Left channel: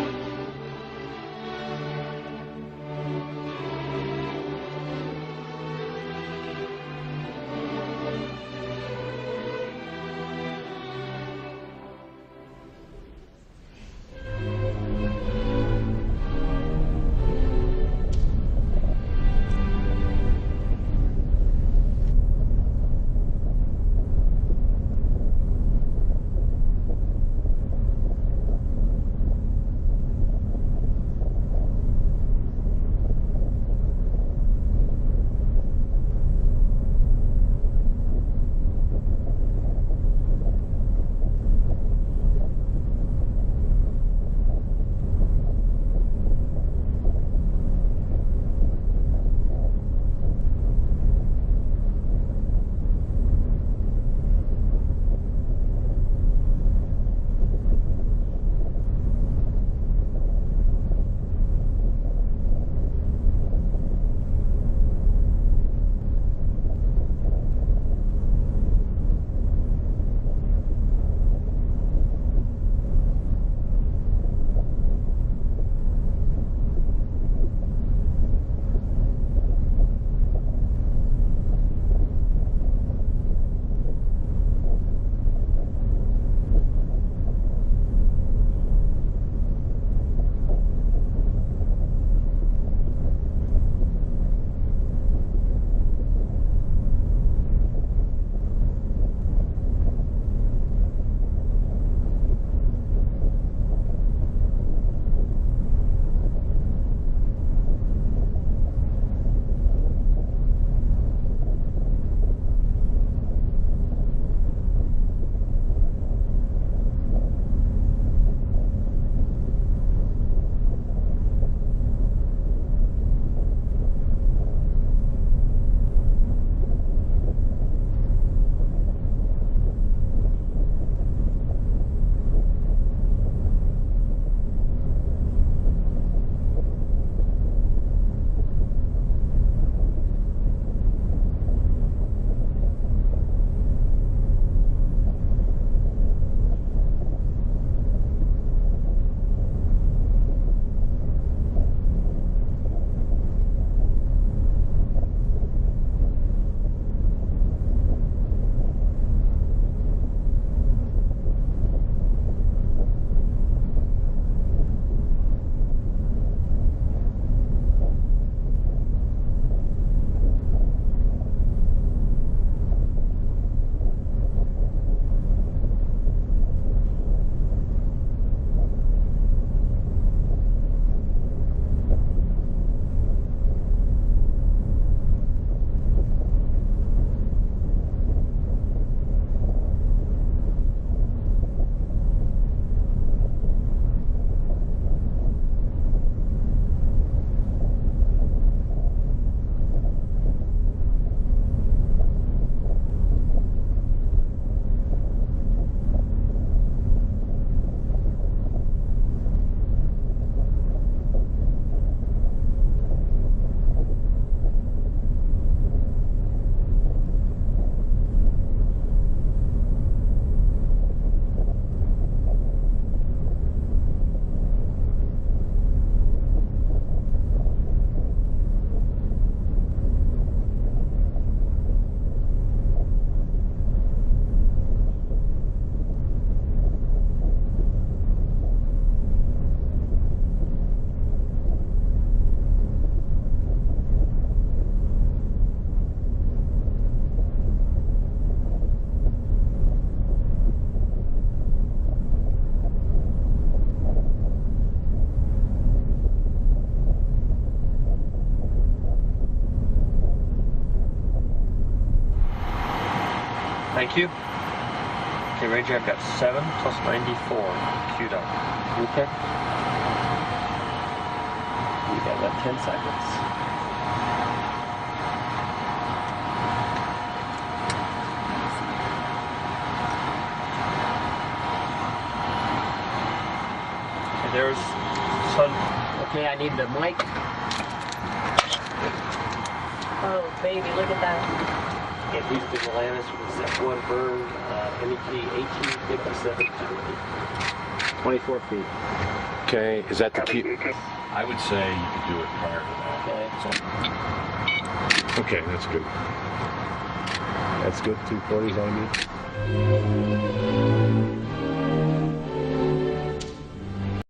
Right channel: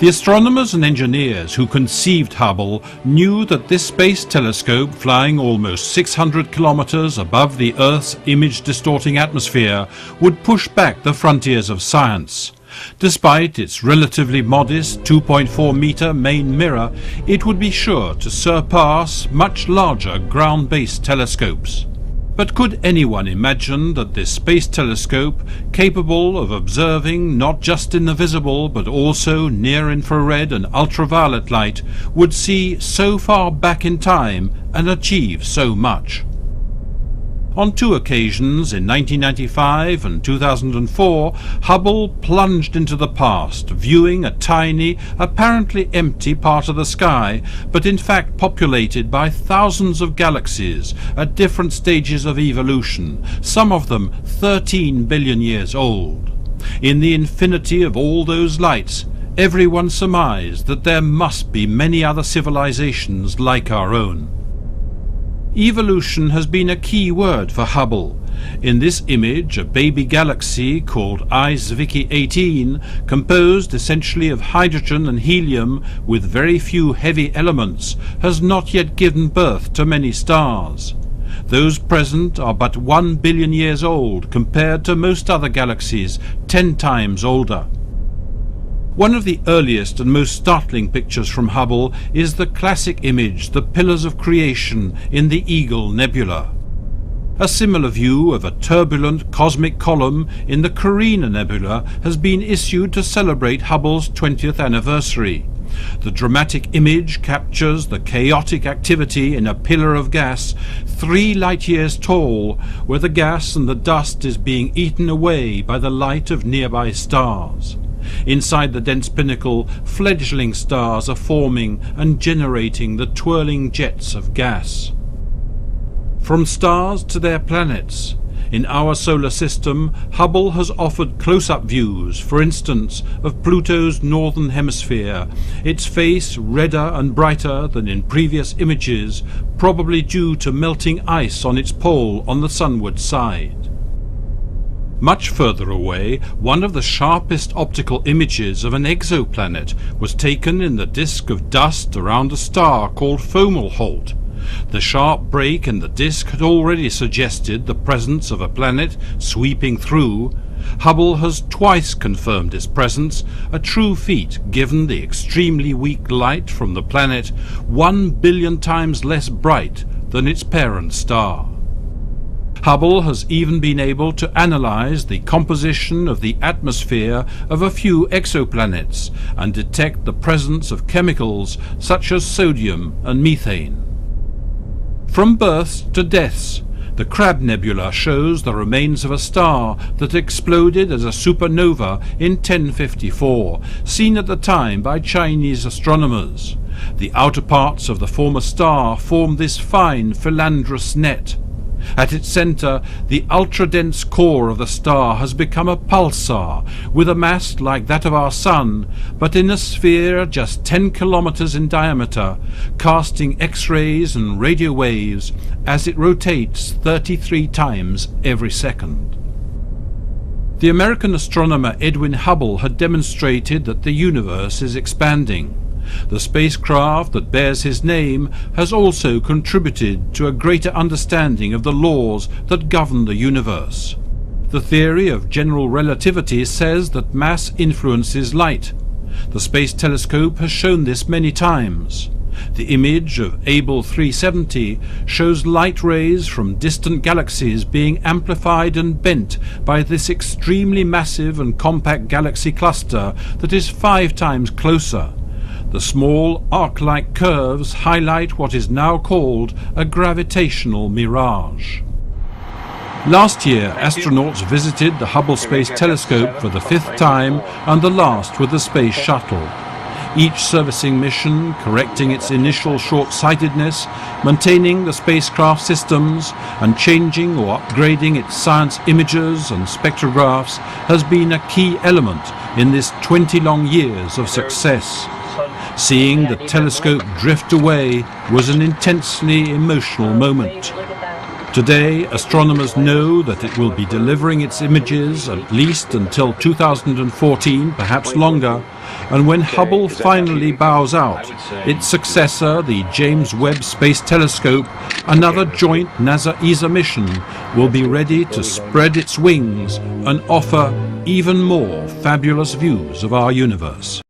The astronomers and engineers who conceived Hubble knew that this space telescope, flying almost 600 kilometers above the Earth's image-distorting atmosphere, would push back the frontiers of science. Despite its relatively modest 2.4-meter main mirror, it would be sure to surpass much larger ground-based telescopes. But could anyone imagine that this space telescope, capable of observing not just in the visible but also near-infrared and ultraviolet light, would see so far back in time and achieve so much? On two occasions, in 1995 and 2004, Hubble plunged into the past, viewing a tiny, apparently empty part of the sky, but in fact populated by thousands of galaxies at different stages of evolution, some of them 13 billion years old. In the infinity of all those lights, everyone surmised that there must be many other civilizations like our own. Evolution has been a key word for Hubble. In this image, a baby galaxy called Zwicky 18, composed essentially of hydrogen and helium with very few heavy elements, has not yet given birth to many stars. Those present are but 1 billion years old compared to most other galaxies 10 times older. One of the earliest and most startling pictures from Hubble is the classic image, the Pillars of Creation in the Eagle Nebula. A similar view of a turbulent cosmic column in the Carina Nebula has been issued to celebrate Hubble's 20th anniversary. The dramatic image captures the chaotic activity in a pillar of gas 3 light-years tall, where the gas and the dust is being eaten away by the light of nearby stars. Inside the dense pinnacle, fledgling stars are forming and generating the twirling jets of gas. From stars to their planets, in our solar system, Hubble has offered close-up views, for instance, of Pluto's northern hemisphere, its face redder and brighter than in previous images, probably due to melting ice on its pole on the sunward side. Much further away, one of the sharpest optical images of an exoplanet was taken in the disk of dust around a star called Fomalhaut. The sharp break in the disk had already suggested the presence of a planet sweeping through. Hubble has twice confirmed its presence, a true feat given the extremely weak light from the planet, 1 billion times less bright than its parent star. Hubble has even been able to analyze the composition of the atmosphere of a few exoplanets and detect the presence of chemicals such as sodium and methane. From births to deaths, the Crab Nebula shows the remains of a star that exploded as a supernova in 1054, seen at the time by Chinese astronomers. The outer parts of the former star form this fine philandrous net. At its center, the ultra-dense core of the star has become a pulsar, with a mass like that of our Sun, but in a sphere just 10 kilometers in diameter, casting X-rays and radio waves as it rotates 33 times every second. The American astronomer Edwin Hubble had demonstrated that the universe is expanding. The spacecraft that bears his name has also contributed to a greater understanding of the laws that govern the universe. The theory of general relativity says that mass influences light. The Space Telescope has shown this many times. The image of Able 370 shows light rays from distant galaxies being amplified and bent by this extremely massive and compact galaxy cluster that is 5 times closer. The small arc-like curves highlight what is now called a gravitational mirage. Last year, astronauts visited the Hubble Space Telescope for the 5th time and the last with the Space Shuttle. Each servicing mission, correcting its initial short-sightedness, maintaining the spacecraft systems, and changing or upgrading its science imagers and spectrographs has been a key element in this 20 long years of success. Seeing the telescope drift away was an intensely emotional moment. Today, astronomers know that it will be delivering its images at least until 2014, perhaps longer, And when Okay, Hubble is that finally happy? bows I out, would say- its successor, the James Webb Space Telescope, another Okay. joint NASA-ESA mission, will be good. ready to spread its wings and offer even more fabulous views of our universe.